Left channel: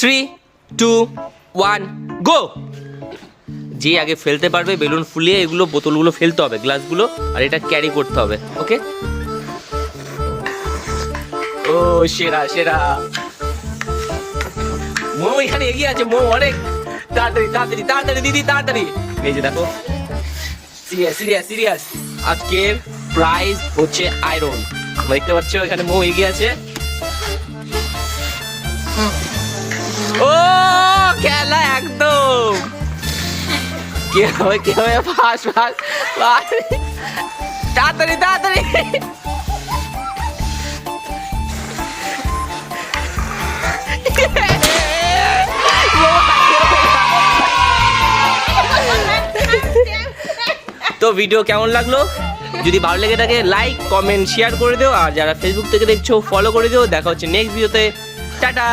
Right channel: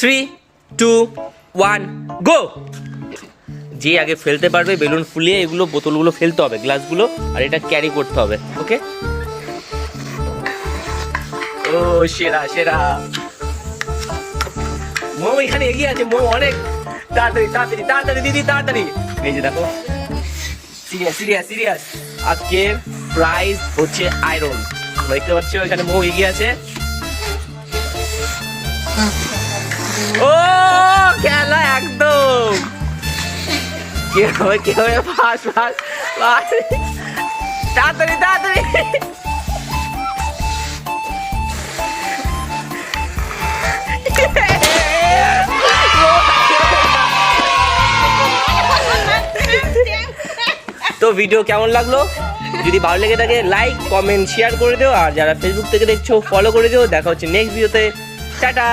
3, 2, 1, গো। যে আগে ফেলতে পারবে বেলুন ফুলিয়ে এগুলো বোতলগুলো ফেলতে হবে, গ্লাসগুলো, আর এটা ক্যারি করতে হবে। ওকে, ও সেরা সেরা। মো এখানে এগিয়ে আছে, মো অনেক। তাড়াতাড়ি তাড়াতাড়ি তাড়াতাড়ি দিদি তাড়াতাড়ি। এই যে দেখো, সিরিয়াস সিরিয়াস সিরিয়াস। আজকের প্রাইজ হচ্ছে আয়রন। দেখতে পাচ্ছ এখানে মো এগিয়ে আছে। ও খেলা একদম কি হবে কি হবে, ফাস ফাস ফাস, তাড়াতাড়ি তাড়াতাড়ি। তো ভিডিও কেমন লাগলো? যদি ভালো লেগে থাকে লাইক কমেন্ট শেয়ার করে দিও, আর যারা ফেসবুক থেকে দেখছো ফলো করে দিও। দেখা হচ্ছে নেক্সট ভিডিওতে। টাটা।